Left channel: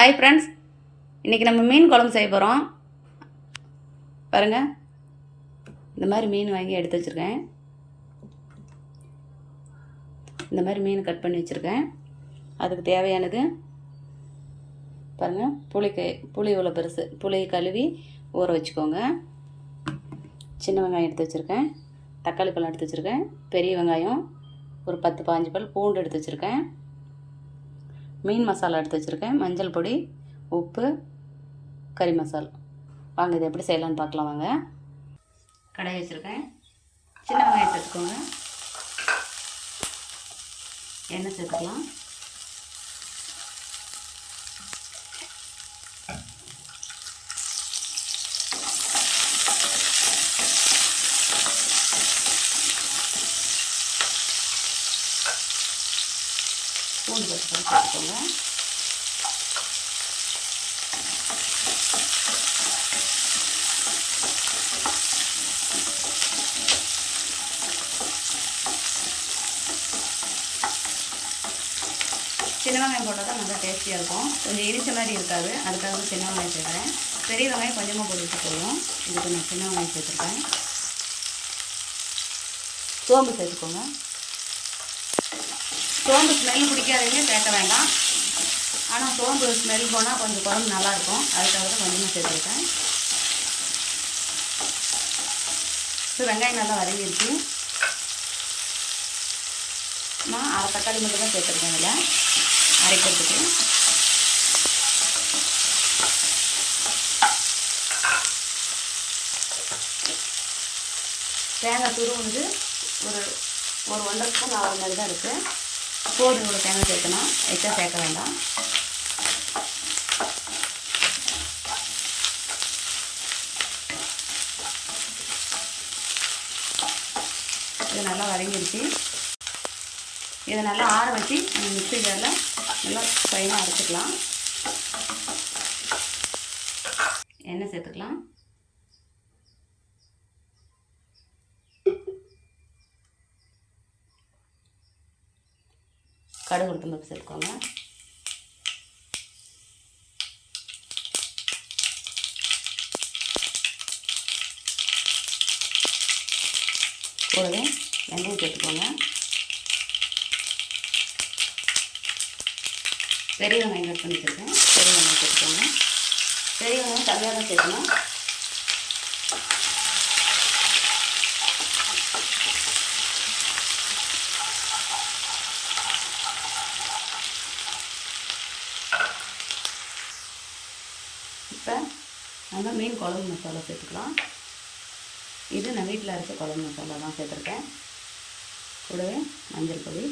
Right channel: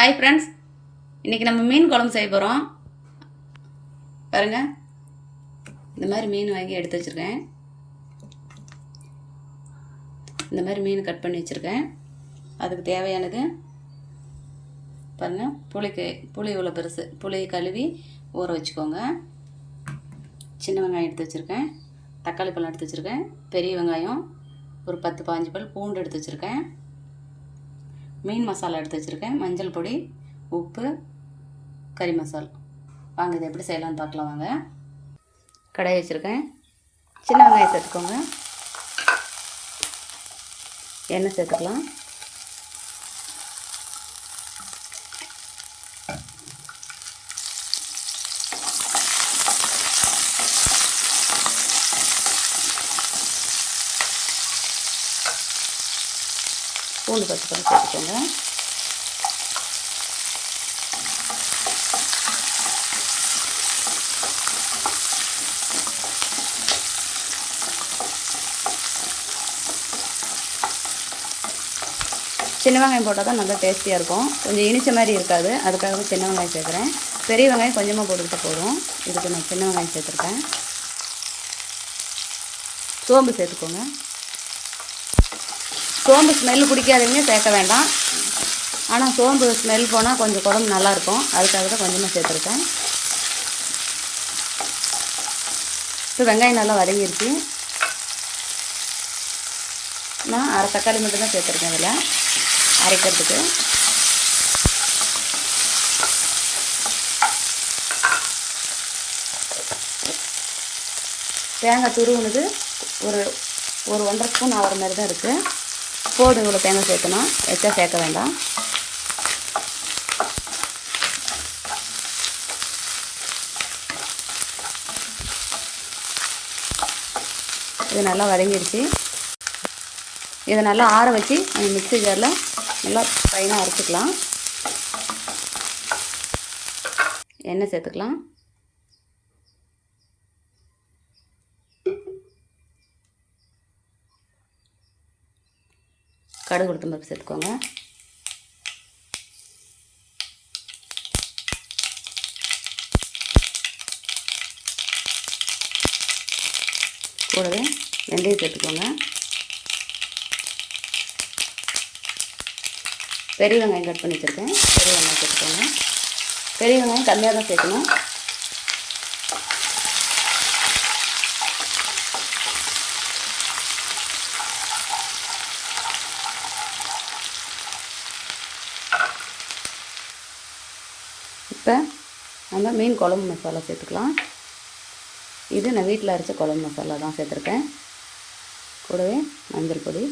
Hi friends, இன்றைக்கி நம்ம மீன் குழம்பு செய்ய போகிறோம். பாருங்கள், இந்த மாதிரி மீன் வாங்கி எடுத்து வச்சுருக்கேன். இந்த மாதிரி மீன் கட் பண்ணி வச்சுருக்கேன். அதுக்கு தேவையானது பாருங்கள், புளி இவ்வளோ பெருசு, புளி கழுவி ஊற வச்சுக்கோங்க. சின்ன வெங்காயம் எடுத்து வச்சுருக்கேன், தக்காளி பழம் எடுத்து வச்சுருக்கேன், பெரிய வெங்காயம் ஒரு 10-15 பல் பூண்டு எடுத்து வச்சுருக்கேன், மீன் மசாலா எடுத்து வச்சுருக்கேன், மஞ்சள் பொடி, உப்பு, கறி மசாலா. வாங்க இதை எப்படி செய்யலான்னு பார்க்கலாம். வாங்க, கடாய் வச்சுருக்கேன், சின்ன வெங்காயம் சேர்த்துக்கோங்க, எண்ணெய் சேர்த்துக்கலாம், பூண்டு 10 பல் சேர்த்துக்கோங்க, சின்ன வெங்காயம் போட்டால் தான் நல்லா டேஸ்டியாக இருக்கும். கொஞ்சம் இனிச்ச மாதிரி இருக்காது, அதுக்காக தான் சின்ன வெங்காயம் சேர்க்குறேன். பெரிய வெங்காயம் கொஞ்சமாக போட்டுக்கிட்டு போதும். இதுக்கு நான் சின்ன வெங்காயம் சேர்த்துருக்கேன். சோம்பு சேர்த்துக்கோங்க. சோம்பு ஸ்மெல் பிடிக்காதவங்க சேர்க்க வேண்டாம், ஆனால் சோம்பு ஸ்மெல் போனால் கொஞ்சம் குழம்பு நல்லாயிருக்கும், அதுக்காக தான் கொஞ்சமாக சேர்த்துருக்கேன். இப்போ வெங்காயம் நல்லா வதங்கிடுச்சு. நான் அரை தக்காளி மட்டும் தான் சேர்த்துருக்கேன் அதில் அரைக்கிறதுக்கு. தேங்காய் துருவுனது ஒரு 1.5 ஸ்பூன் ஆகிற மாதிரி தான் இருக்குது. போதும், இவ்வளோ தேங்காய் சேர்க்கணும், எச்சா சேர்க்க வேண்டாம். இது நல்லா வதங்கிடுச்சு. இதை நல்லா ஆற வச்சு மிக்ஸி ஜாரில் நல்லா ஃபைனாக அரைச்சிக்கலாம். எண்ணெய் சேர்த்துக்கலாம், கடுகு உளுத்தம் பருப்பு சேர்த்துக்கோங்க, கூடவே வெந்தயம் சேர்த்துக்கோங்க, பெரிய வெங்காயம் கட் பண்ணி வச்சுருக்கேன், பெரிய வெங்காயம் சேர்த்துக்கோங்க. பெரிய வெங்காயம் கம்மியாக தான் சேர்க்கணும். இப்போ நம்ம மீன் குழம்பு மசாலா சேர்த்துக்கலாம். இது நான் வீட்டில் அரைச்ச குழம்பு மசாலா தான் சேர்த்துருக்கேன். கூடவே மஞ்சள் பொடி,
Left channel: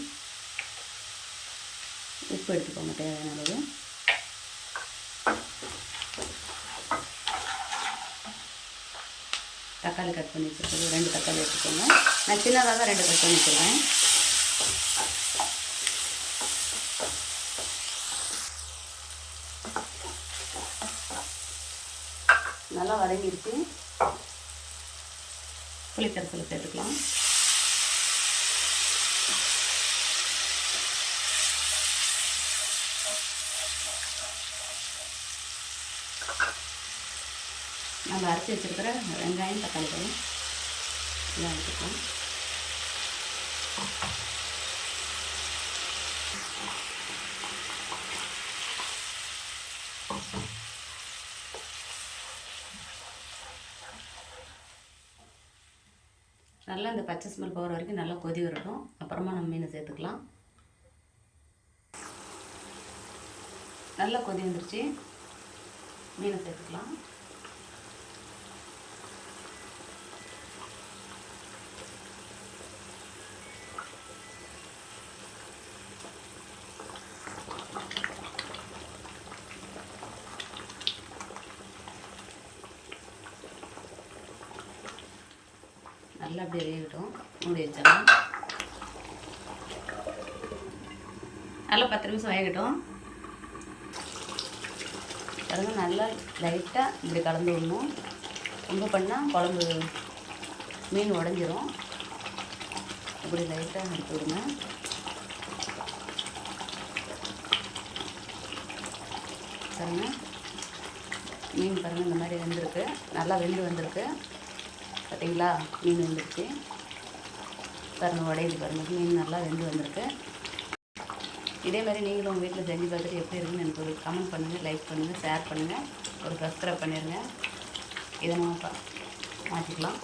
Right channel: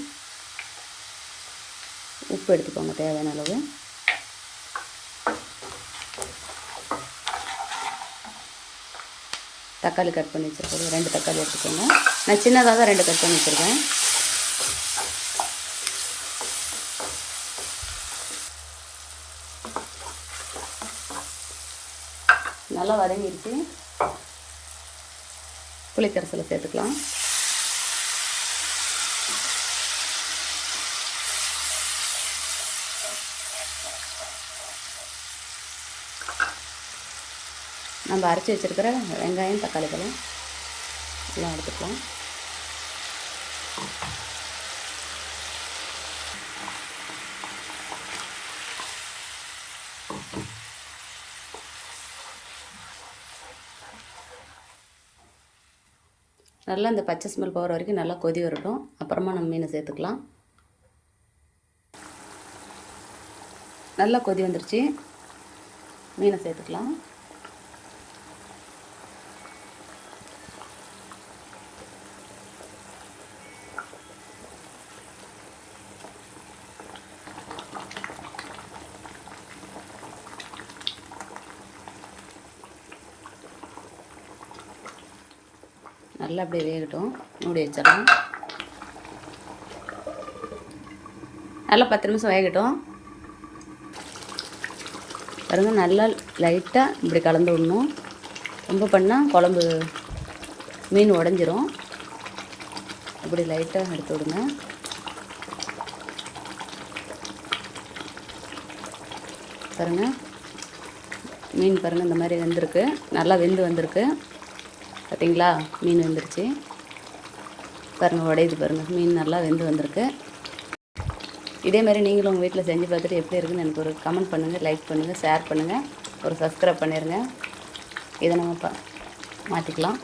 உப்பு எடுத்துக்கோங்க தேவையான அளவு, தக்காளி கட் பண்ணி வச்சுருக்கேன், 2 தக்காளி வச்சுக்கோங்க. நான் சின்னதாக தான் 2 கட் பண்ணி வச்சுருக்கேன். நல்லா வதங்கிடுச்சு. புளிக்கரைசலை சேர்த்துக்கலாம். நம்ம அரைச்சி வச்சுருக்கிற வெங்காயம், தக்காளி பழம் எல்லாம் எடுத்துக்கலாம். நல்லா இந்த பச்சை ஸ்மெல் போகிற வரைக்கும் நல்லா கொதி வரட்டும். அப்புறமா நம்ம மீனை சேர்த்துக்கலாம். நல்லா கொதி வந்துருச்சு, மீனை சேர்த்துக்கலாம். நல்லா அப்படியே வேகட்டும், மூடி வச்சிடலாம். நல்லா 10 நிமிஷம் வேகட்டும். பாருங்க, நல்லா லைட்டாக இப்படி கலந்து விடணும். ரொம்ப பண்ணால் குழம்பு மீன் உடஞ்சிரும். அப்படி லைட்டாக எடுத்து விடுங்க. பாருங்கள், மீன் பாருங்கள் இந்த மாதிரி வெந்திருக்கு, நல்லா வெந்து வந்திருக்கு. பார்த்தீங்களா, மீன் வெந்துருச்சு பாருங்கள், உடையுது பாருங்கள், மீன் நல்லா வெந்து வந்திருக்கு. இதே மாதிரி நீங்களும் உங்கள் வீட்டில் செஞ்சு பார்த்துட்டு எப்படி இருக்குன்னு எனக்கு ஒரு கமெண்ட் பண்ணுங்கள், லைக் பண்ணுங்கள், ஷேர் பண்ணுங்கள், ஒரு சப்ஸ்கிரைப் பண்ணிடுங்க. இதை நம்ம மாற்றிக்கலாம்.